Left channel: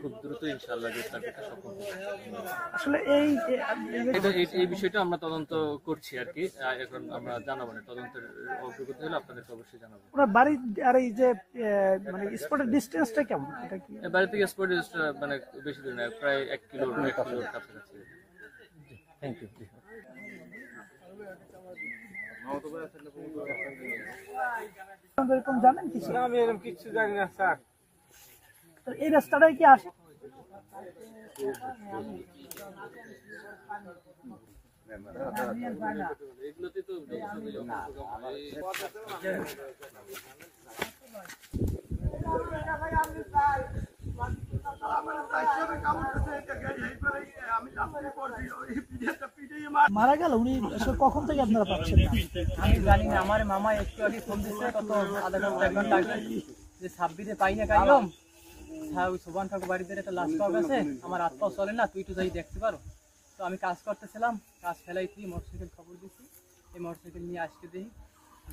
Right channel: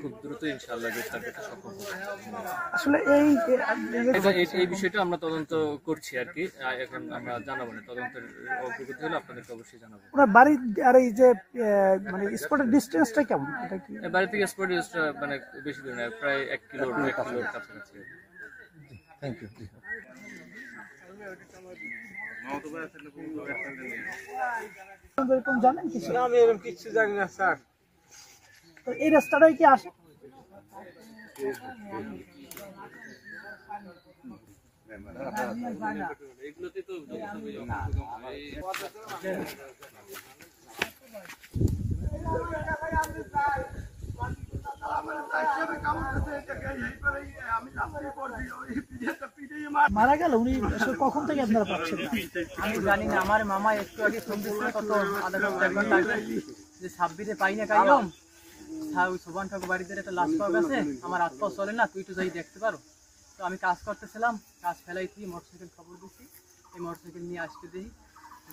খুব দ্রুত ইনশাআল্লাহ গ্রেফতার করতে সক্ষম হবো। আসলে এই বিষয়টা আমরা তদন্ত করছি আর কি। এখন আমরা জানাবো না, তদন্তের অগ্রগতি হলে আপনাদেরকে অবশ্যই জানাবো। ওনার বাড়ি আর এই যে মানে স্পটের ডিস্টেন্সটা কেমন? এটা কি বাড়ি থেকে স্পট মানে বেশি দূর নয়, প্রায় 1 কিলোর কাছাকাছি। Thank you. জানেন কিছু? না, আমি এরকম কিছু জানি না স্যার। তো এই রাস্তাটাই কি আসে? মারা গেল উনি কখন থেকে আপনারা পাচ্ছেন? আমি জানি না, আমার মামা একটু আগে ফোন দিচ্ছে, কত আধা ঘন্টা 1 ঘন্টা আগে, যে 26-এ পাই না কাইলাম, ওই সোবান ঠাকুর বাড়িতে একটা লাশ পাওয়া গেছে, আমার হাত পাও চলে না, তুই একটু যাই দেখতে পারো। তো আমি কাজ করতেছিলাম, কাজ ফেলাই থেকে মোটরসাইকেল খবর দিচ্ছি, এই মোটরসাইকেল নিয়ে আসতে দিই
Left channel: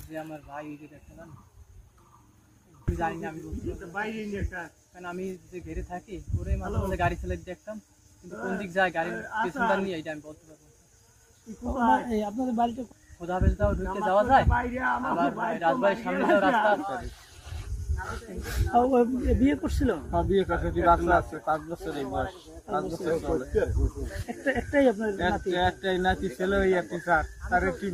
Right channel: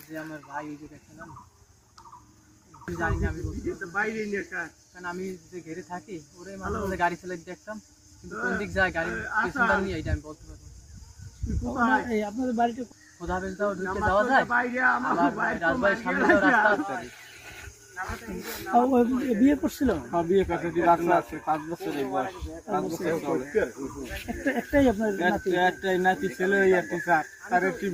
যে আমার ভাই এই যে দেখলাম, জানি না আমি কারণ আমি যে ঘেরে থাকি ওরে মাঝে মাঝে গাড়ি চালাই দেখতাম, কিন্তু কোন দিক যায় গাড়ির পেছনটা নিয়ে এইটা আমি বলতে পারবো। আপনাদের বাড়িতে খোদা বেশ দাও ঢুকে যাওয়া যায়, আবার রাজবাড়ির সামনে যাওয়া রাস্তা আছে। বিয়ে করছিল? হ্যাঁ, বিয়ে করতে রাস্তা আছে, 5 বছর বয়স, 5 বছর চলে। একটাই আপনার একটাই নাতি ছেলে, ওই একটি স্যার, তার একটি